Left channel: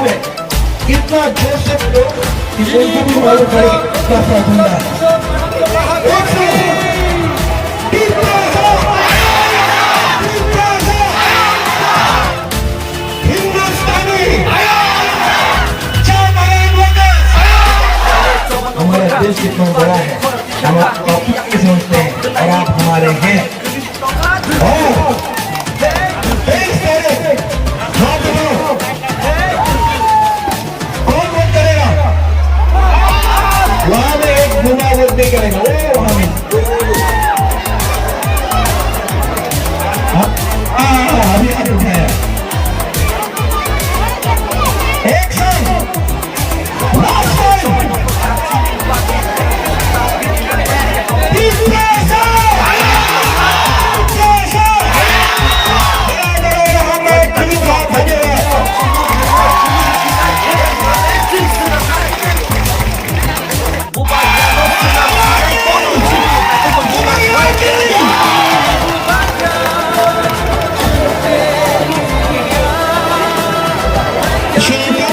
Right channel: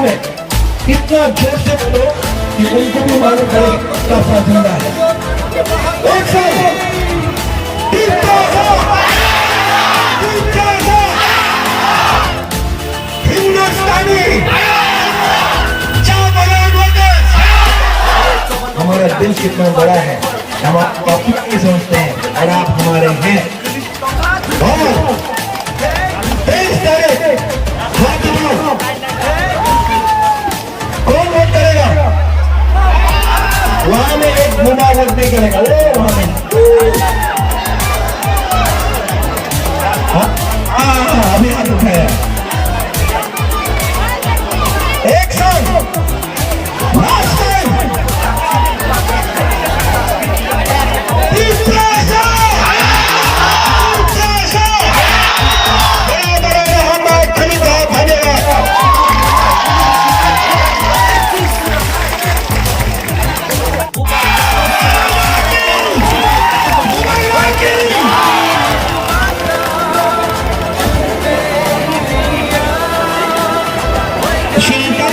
हुए इतना जैसे लोग कि उनको भी मालूम पड़े क्या प्रार्थना है। एक साथ हिंदुस्तानी हमारा दिल कितना बड़ा है, हम आपको अपने समझते हैं और आप हमारे हैं। कौन वोट करेगा? वहां में एक घुमा वोट नहीं करेगा। वो वहां में अभी हाथ उठाया। एक साथ श्रीलंका